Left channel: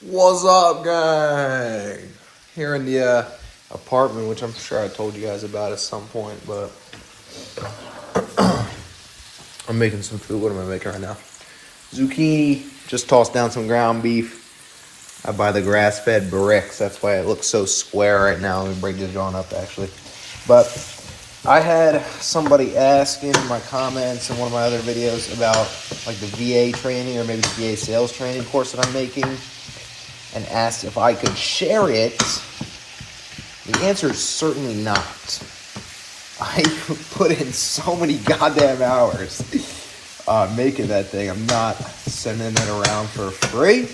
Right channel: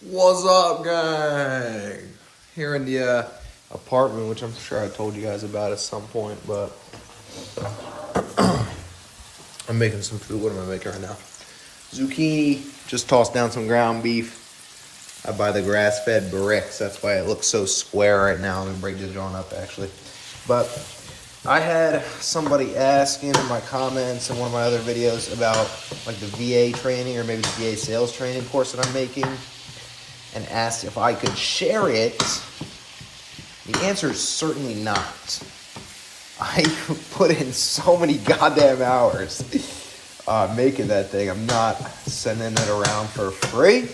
What's up, gang? Here in the apartment, which I'm sure I told you guys about at some point, but I'm making some food. What am I making right now? Zucchini. Just tossed down some ground beef. I buy the grass-fed bricks. That's why it looks so square right now. Let me bring the jawn up, actually. But I had somebody asking in my comments in one of my other videos about like the VA training or maybe the VA sales training course that I'm making, and asked if I could share it. The answer is certainly not. I put in so many goddamn hours making that thing. I'm not sending it around for free. At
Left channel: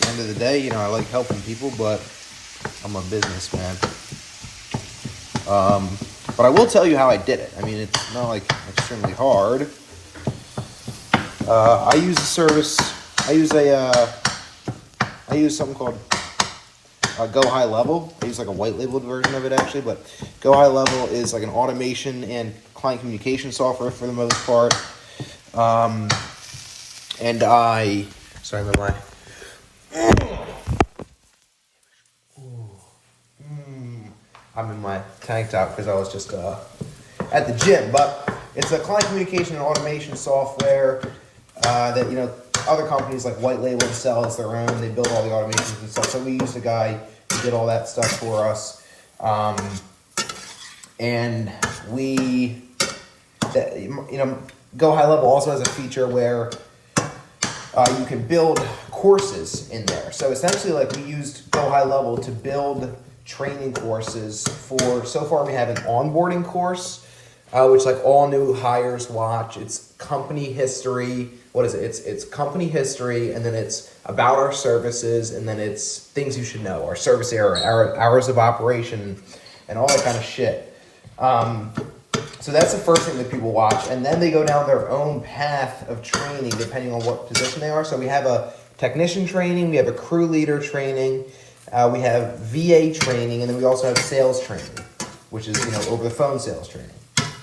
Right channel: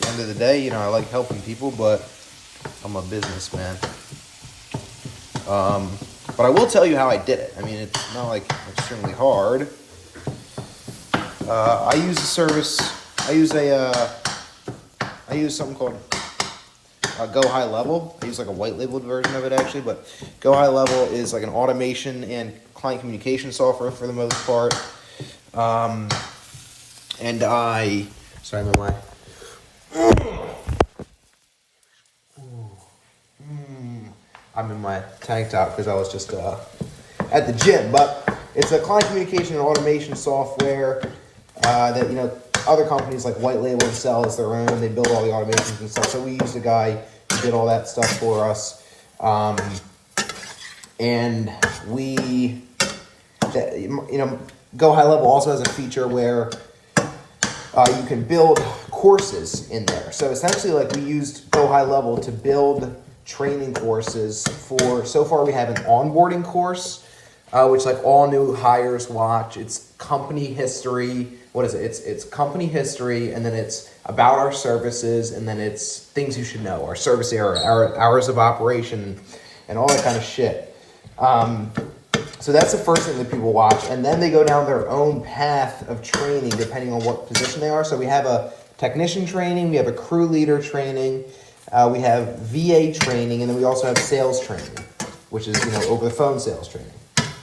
the end of the day, I like helping people, but I'm a businessman. But I will tell you how I did it. I mean, it's not like extremely hard. I use a service. I use something called Go High Level. I use like a white labeled version of it actually, but Go High Level is like an automation and client communication software for the most part. I'm in my tank top because I was just at the gym, but it's a client communication and automation software that other companies like white label and sell as their own. They build all the automations and stuff. So we used a guy who did all that stuff for us, and we, Go High Level also has a feature where you can build courses in there. So essentially, like, we used Go High Level to build training courses for. So far, we have an onboarding course, which like all new hires watch. It's company history. What is it? It's company history, and then it's about our services, and then it's things you should know, our service area, our hours of operation, and all that kind of shit. So that's the first thing that people watch, and then they go down their own path of training depending on what position they are. So we have a technician training, we have a crew leader training, we have VA training, and then we also have sales training, which is over the phone sales training,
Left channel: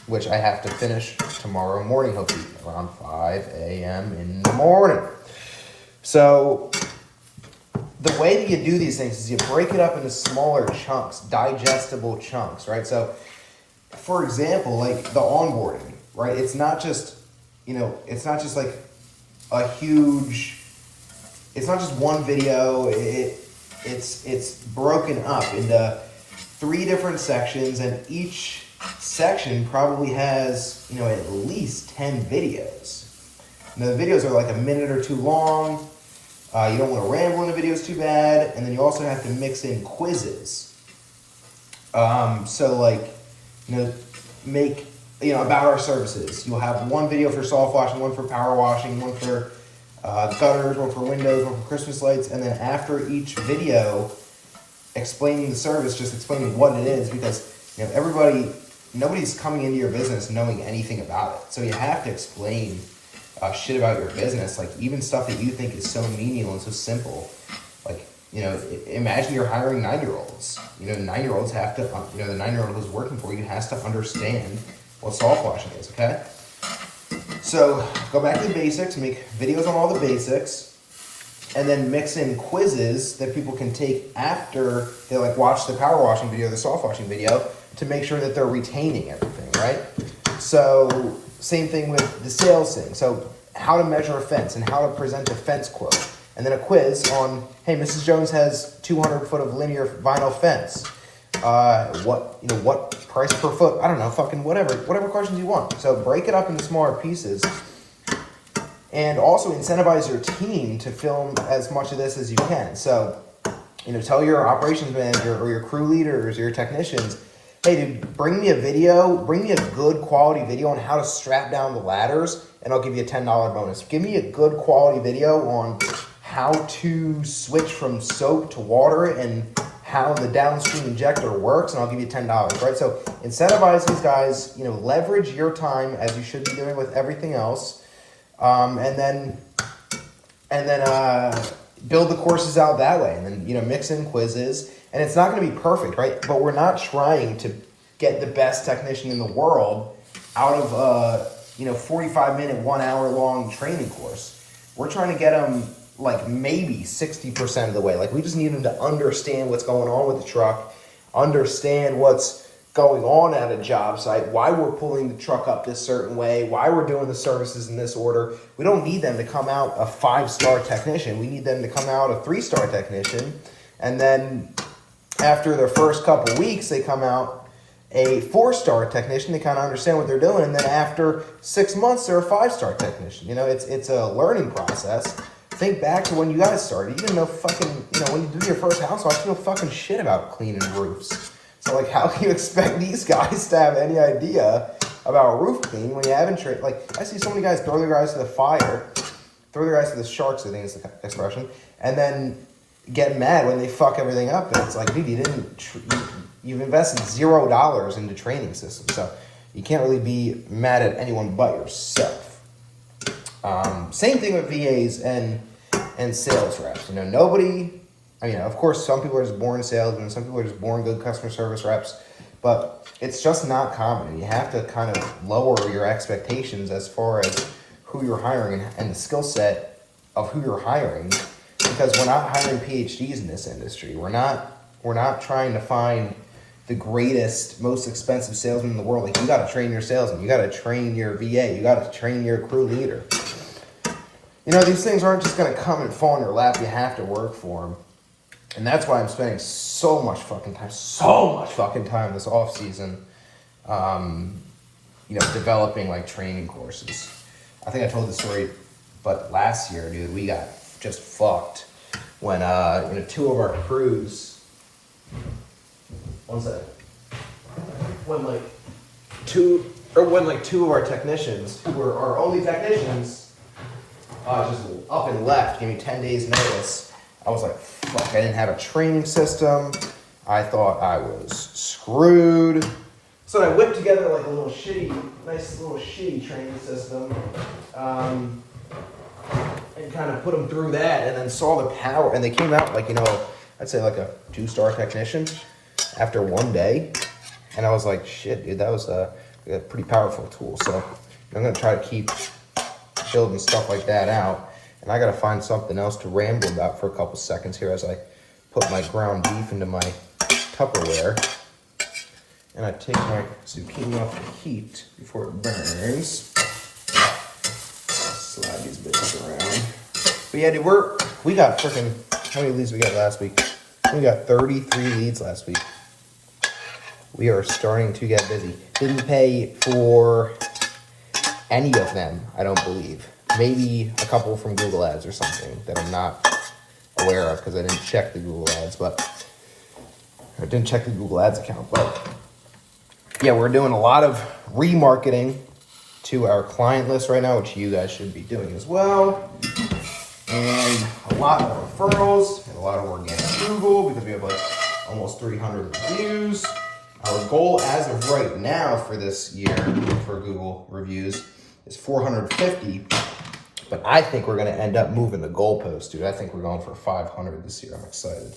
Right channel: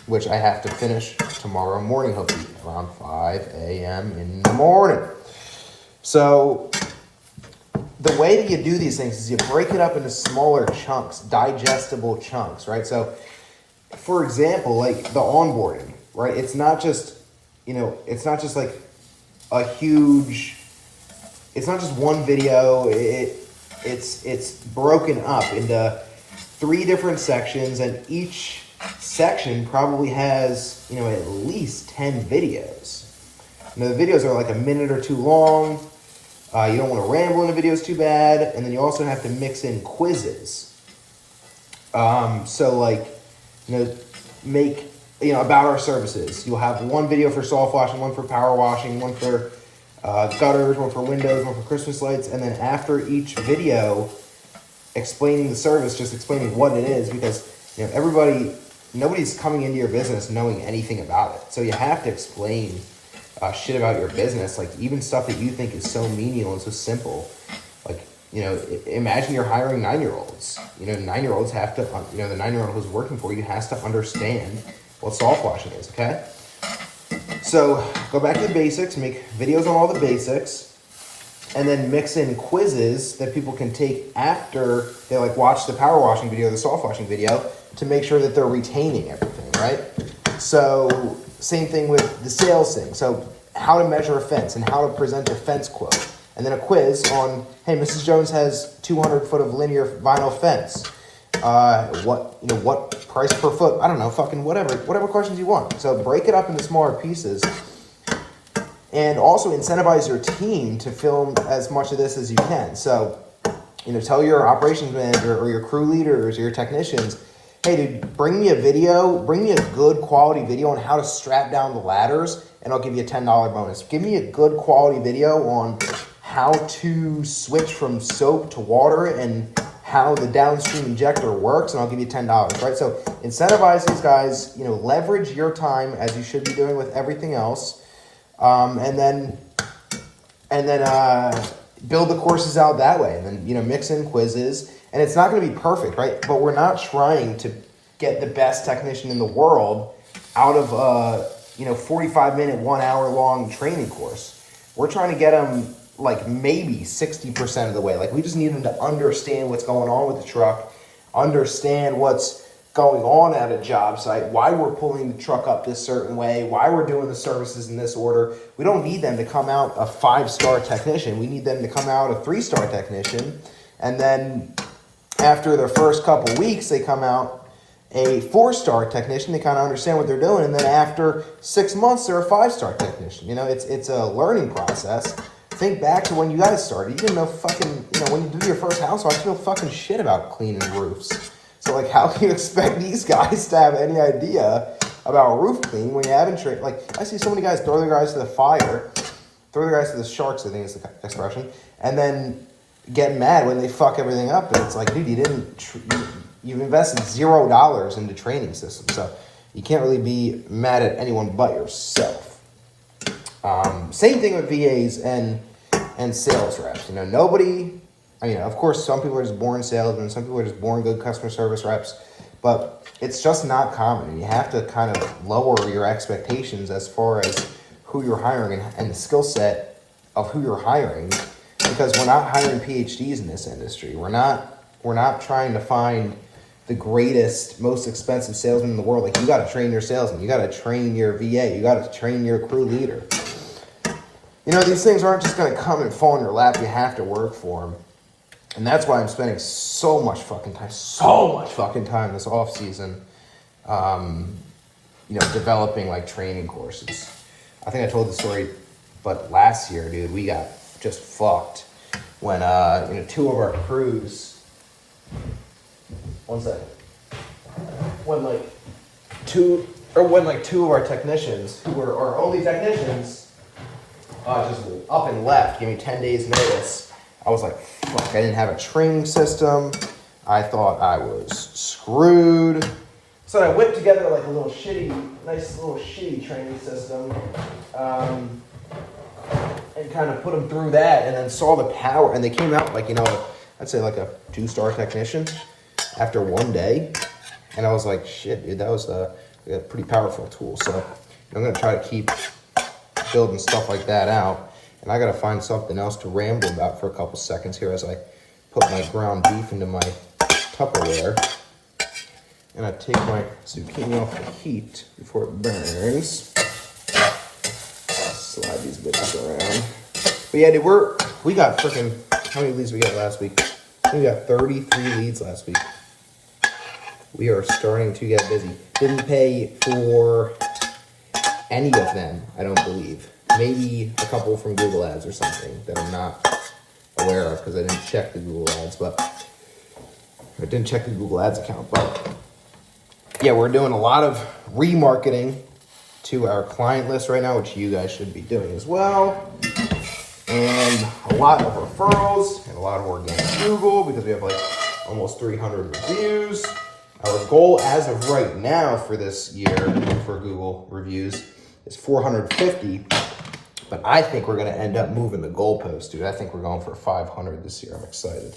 which I have to finish tomorrow morning, hopefully around 5 a.m. in the morning. So the way that you do these things is you break it up into smaller chunks, digestible chunks, right? So for example, like the onboarding, right? It's not just like a huge, it's not just one video. It's broken up into 3 different sections, and each section probably has, at least 10 videos. The videos are like a minute or 2 long. You don't want to ramble in the videos too bad. And then you also have to mix in quizzes. Make, about our services. You'll have one video for soft washing, one for power washing, one for gutters, one for windows, one for Christmas lights. And then after each video, explaining the service, just explaining what it is, because, nobody's coming into your business knowing anything about it. So you have to explain shit about your business, like even stuff that you think is so menial and so simple. Like, imagine you're hiring 9-year-olds. 9-year-olds have to, the 9-year-old who's working for you has to understand what soft washing is, okay? So go back to the basics, make videos on all the basics, and then mix in quizzes that people can take after they watch the power washing video, the soft washing video, to make sure that they're retaining everything, right? So same thing with the sales thing. So how to measure a fence and how to present a fence quote. And then a quiz on, hey, Mrs. Jones has 200 foot of linear vinyl fence. What price per foot? I don't know, fucking whatever questions you want. So break it up into smaller pieces. And also incentivize your team to film as much of this as you can. So, tell your operations manager or your crew leaders or your technicians, hey, dude, bring me a good quality video on how to strap down the ladders, and I'll give you a $10 bonus. Give me a good quality video on how to switch from soap to water and how the downstream injector works, and I'll give you $10, right? So incentivize these guys, leverage your time as you should be doing with everything else. And then build the courses out that way, and then, mix in quizzes. And it's not going to be perfect, right? But we're not trying to get the best technician in the world out of a 45-minute, 1 hour long training course. We're trying to get them like maybe 60% of the way. Like we just need them to understand what's going on with the truck, understand what's going on at a job site, why we're pulling the truck up this certain way, why we're doing the services in this order. We don't need them to come out a 5-star technician. We need them to come out a 3-star technician. And then after the first couple weeks, they come out a 4-star technician to kind of understand what they're doing. And then after 6 months, they're a 5-star technician. You know, it's a learning process. Think back to when you guys started. You didn't know fucking, you know, when you did your first house, you didn't know fucking shit about cleaning roofs. So, like, how can you expect these guys to have any idea about roof cleaning when you haven't trained? Like, I see so many guys throw their guys to the fire, throw their guys to the sharks, I think is the expression, and then get mad when they fuck everything up. And it's like, dude, you've invested $0 into training systems, so you can't really be mad at anyone but yourself. Same thing with VAs and sales reps. You know, nobody... I mean, of course, some people are just born salesmen, some people are just born good customer service reps, but it's just not common. You have to kind of lower your expectations as far as who you're hiring and the skill set of who you're hiring, because we're not hiring PhDs in this industry. We're not trying to find the greatest, most expensive salesman in the world. Like, you got to train your salesman, you got to train your VA, you got to train your crew leader. You know, these things aren't just going to come and fall in your lap. You have to work for them. And that's why I'm spending so much fucking time this off season, you know, developing like training courses. I think I told the story, but last year, dude, we got just fucked when, you know, 2 of our crews, when 2 of our technicians, who were our only technicians, just up and left, gave me 10 days notice. I was like, fuck, I didn't have a training system. I thought I was screwed. So I whipped together like a nice little shitty training system, and kind of put them through that, and then saw the power. And they came out like, you know, I'd say like a 2-star technician after 1 day. And I was like, shit, dude, that was a pretty powerful tool. So I'm going to try to keep building stuff like that out. And I got to find something else to ramble about for a couple seconds here as I put my ground beef into my Tupperware. And I take my zucchini off the heat before it burns. Slide these bitches around. But yeah, dude, we got freaking, how many leads we got last week? We got 33 leads last week. We are starting to get busy. Didn't pay for any of them, I don't believe. Maybe a couple from Google Ads or something that I'm not aware of because I didn't check the Google Ads, I didn't check the Google Ads account. But yeah, we're doing a lot of remarketing to our client list right now, which you guys should be doing as well. And a lot of referrals and a lot of organic Google because we have like almost 300 reviews. Our goal as of right now for this year for Google reviews is 450. But I think we're going to end up moving the goalpost, dude. I think we're going for 500 this year. I'm excited.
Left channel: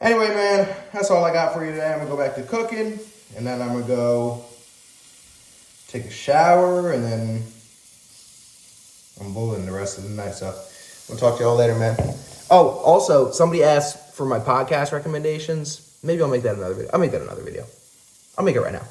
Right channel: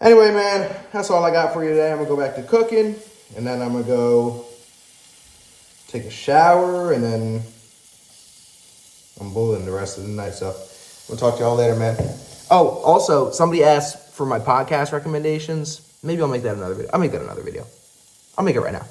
Anyway, man, that's all I got for you today. I'm going to go back to cooking, and then I'm going to go take a shower, and then I'm bowling the rest of the night. So I'm going to talk to y'all later, man. Oh, also, somebody asked for my podcast recommendations. Maybe I'll make that another video. I'll make it right now.